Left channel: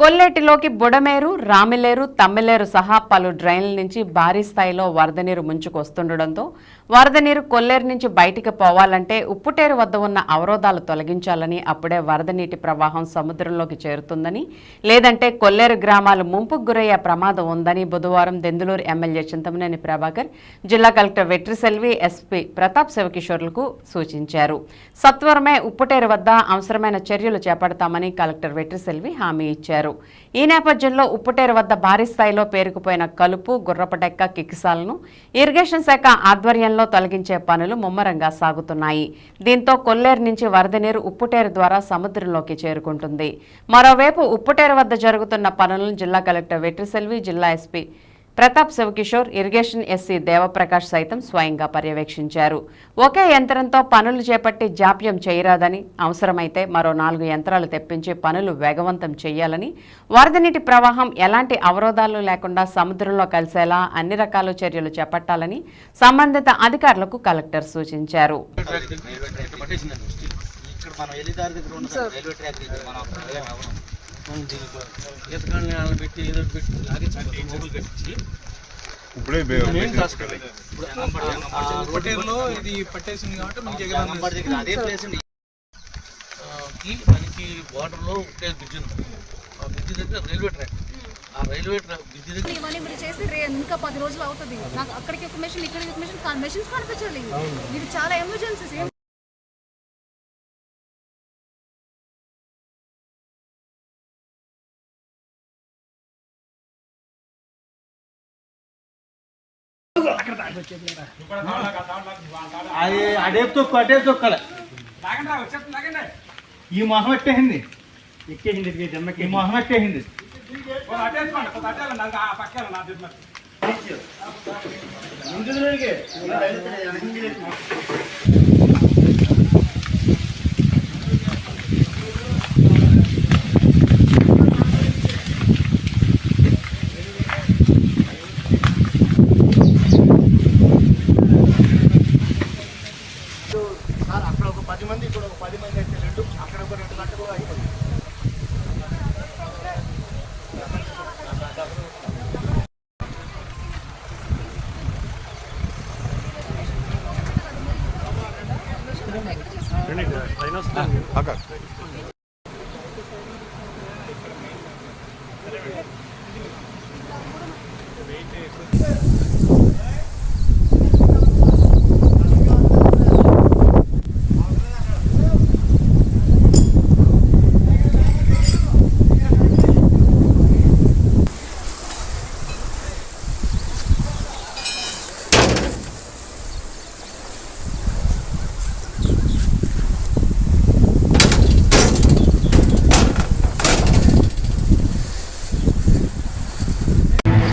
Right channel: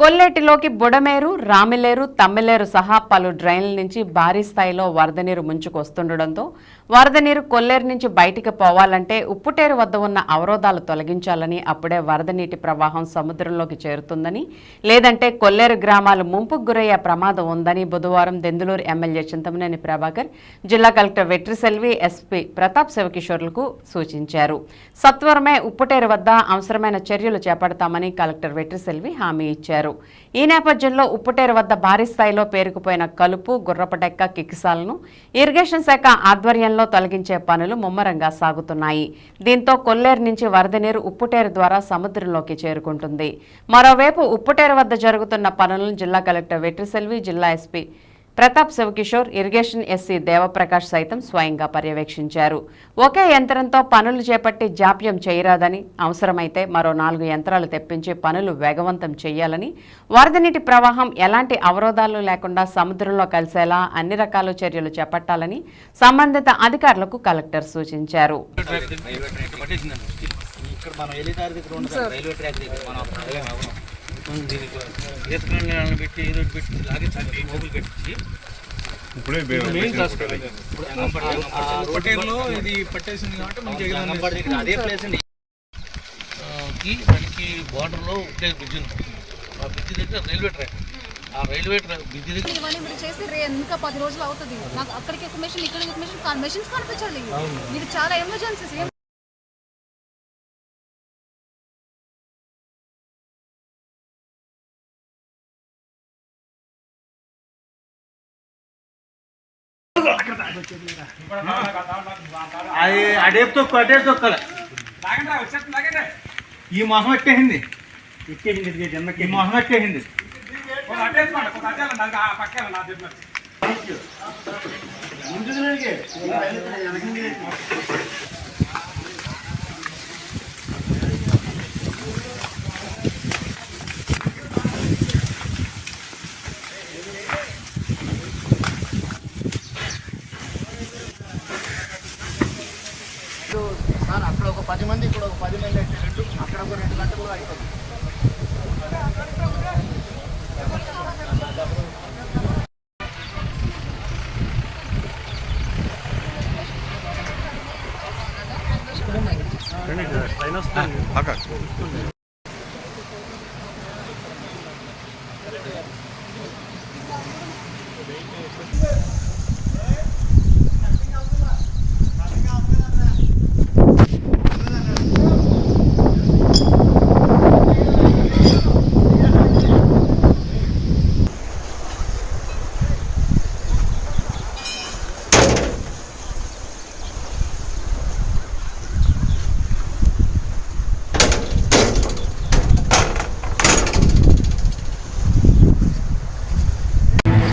కొల్లేటిలోకి బుడమేరు, రామిలేరు, తమ్మిలేరు సహా పలు డ్రైన్ల నుంచి భారీ స్థాయిలో వరద నీరు ముంచుకొస్తుండటంతో వరద నీరు కొల్లేరు నుంచి బయటికి పోవాలంటే ఉప్పుటేరు వద్ద ఉన్న అవరోధాలు తొలగించాలని, అప్పుడే వరద నీటి ప్రవాహం సముద్రంలోకి చేరుతుందని, లేదంటే కొల్లేరు గ్రామాలు ముంపుకు గురయ్యే ప్రమాదం ఉందని బుధవారం దెందులూరు ఎమ్మెల్యే చింతమనేని ప్రభాకర్ జిల్లా కలెక్టర్ వెట్రిసెల్వి, ఎస్పీ ప్రతాప్ శివకిషోర్లకు సూచించారు. సత్వరమే ఉప్పుటేరు వద్ద అవసరమైన చర్యలు చేపడతామని కలెక్టర్ వెట్రిసెల్వి హామీ ఇచ్చారు. ఈ నేపథ్యంలో ఉప్పుటేరు వద్ద భారీ స్థాయిలో పేరుకుపోయిన కలుపు, గుర్రపటెక్క కిక్కిసాలను ఇరిగేషన్ శాఖ ఆధ్వర్యంలో తొలగించే పనులు ముమ్మరంగా సాగుతున్నాయి. దీంతో కొల్లేరు నుంచి వరద నీరు ఉప్పుటేరు ద్వారా సముద్రంలోకి చేరుకుంటుంది. మరోవైపు ఉప్పుటేరు వద్ద జరుగుతున్న పనులను జిల్లా కలెక్టర్ వెట్రిసెల్వి, జిల్లా SP Pratap Shiva Kishore, irrigation SC Devaprakash సైతం స్వయంగా పర్యవేక్షించారు. ఒకే యంత్రంతో పనులు చేపట్టి జాప్యం చేయరాదని, అవసరమైతే మరో 4 యంత్రాలు తెప్పించి పనులు వేగవంతం చేయాలని, వరద నీటి ప్రవాహం ఎలాంటి అవరోధాలు లేకుండా సముద్రంలో కలిసేలా అన్ని రకాల చర్యలు చేపట్టాలని సంబంధిత అధికారులకు కలెక్టర్ సూచించారు. మనకి బార్డర్ లో ఒకటే బ్రిడ్జ్ ఉంది. ఆ బ్రిడ్జ్ దగ్గర రైల్వే ట్రాక్, ఆ రైల్వే ట్రాక్ బ్రిడ్జ్ దగ్గర ఇవన్నీ మీరు చేసి ఇంకా 10 రోజులు అవుతుంది. నాకు అక్కడికి ఒక మెషిన్, ఇక్కడికి ఒక మెషిన్, మెషిన్స్ కనిపించాలి. ఇది చాలా ఎమర్జెన్సీస్. అది అడేపు తొక్కల ఈ మొహం ఎట్టేసింది, ఈ మొహం ఎట్టేసింది. అక్కడ ఒక 10 మంది, ఇక్కడ ఒక 10 మంది అయితే అక్కడ ఒక 2 గంటలు అయిపోతుంది.